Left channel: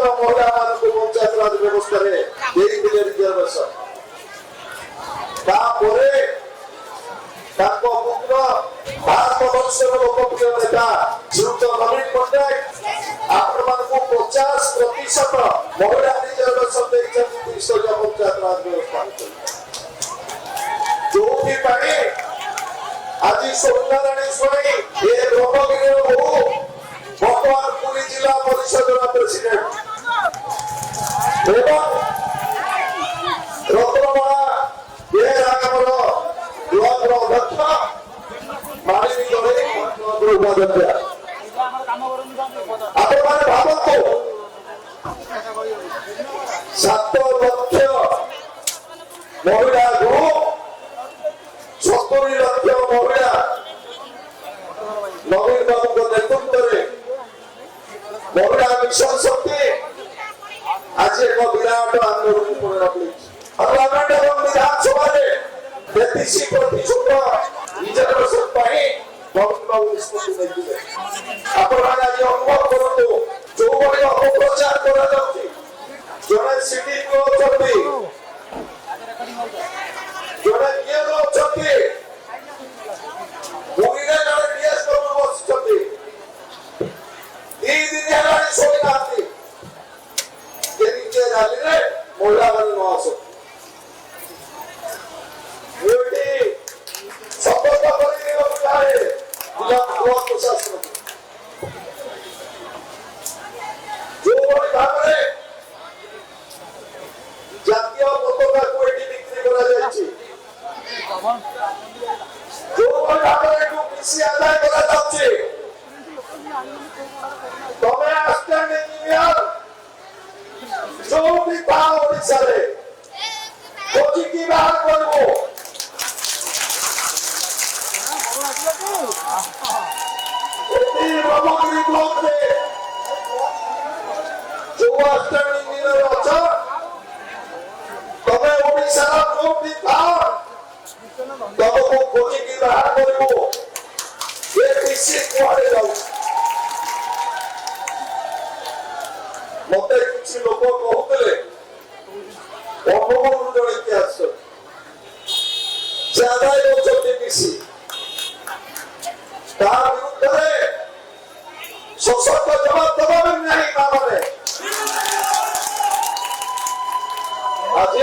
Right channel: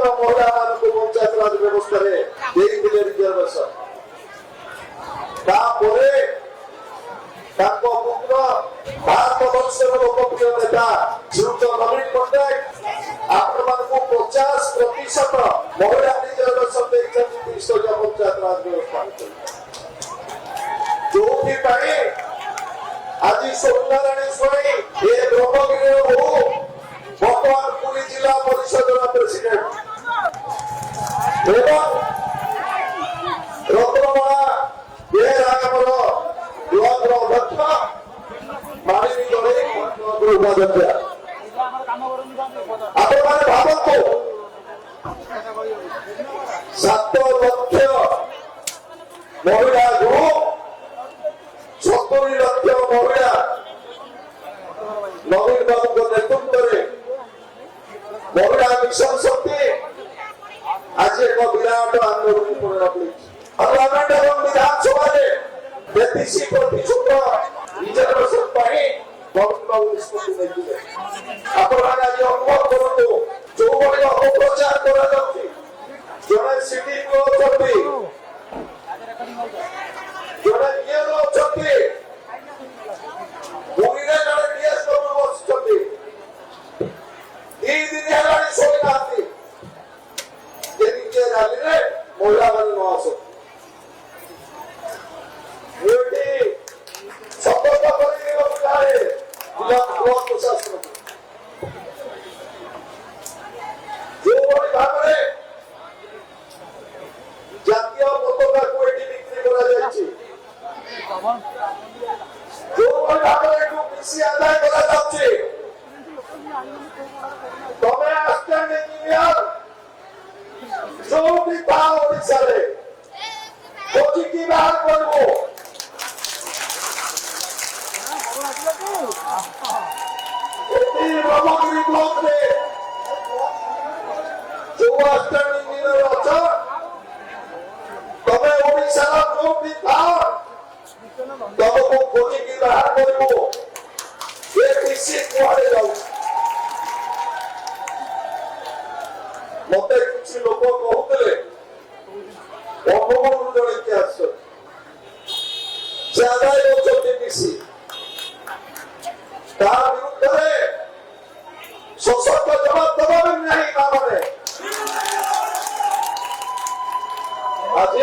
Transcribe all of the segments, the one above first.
समस्त महिला मानक पंचायत राज व्यवस्था रिजर्वेशन पुत्र भारत वर्षर लोकप्रिय नेता श्रीयुक्त नवीन पट्टनायक आपण 50% महिला रिजर्वेशन त्रिस्तरीय पंचायत राज व्यवस्था जो आज सोनाराणी स्वाई ये ब्रह्मगिरी बहु बर्तमान पुरी जिला परिषद प्रेसिडेंट रत्नमणा बेहरामर ब्लॉक अध्यक्ष मालिनी गणेश उपाध्यक्ष आपण भावतु 7 लक्ष महिला ग्रुप 70 लक्ष महिला नवीन बाबू नेतृत्व में महिला मिशन शक्ति आज एक विराट आंदोलन पार्लियामेंट और विधानसभा रिजर्वेशन नवीन बाबू निष्पत्ति नहीं आज अनुभव करूँ जो अपप्रचार करा जड़े सिटी जड़े महिला मान न आस शपथ प्रशासन जो भाव में जातीय पताका को बिक्री करा जो भाव में कृषि आदाय करा तमें आस्टैंड इंजीनियर जो भी ओडिशा खोजी की बाहर करबो ब्रह्मगिरी ब्लॉक में जो आस्टैंड इंजीनियर अच्छा तमें ओडिशा जो भी तुमको खोजी की बाहर करबो ये किसी कुआड़े जाऊ मत किसी लोक कहते बंगबंधु जड़े इतिहास से आदाय करसी तार विरुद्ध सशक्त जवाब दबा नहीं माने आज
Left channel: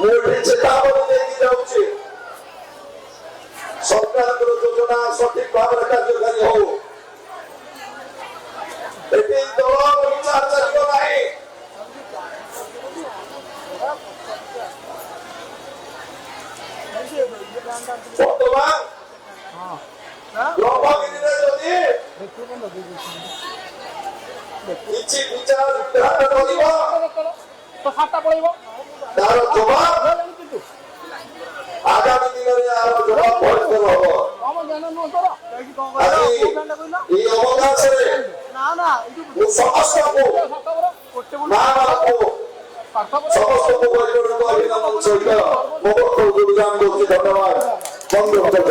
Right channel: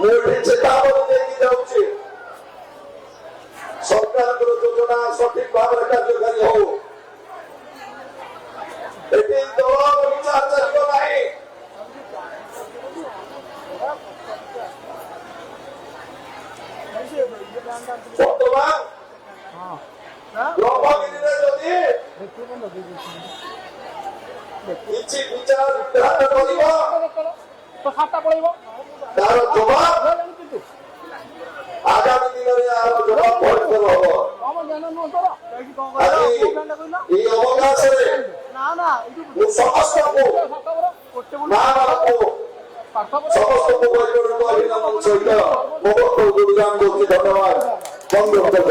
मुझे चेतावनी देकी जाऊँगी सरकार योजना सठिक भाव में कार्यकारी हो विचार चलो नहीं बर्तमान ब्रह्मगिरी किसी विचार तार जवाब आगामी दिन में जवाब भयंकर हम समस्त को मां को समस्त को अभिनंदन सहित धन्यवाद।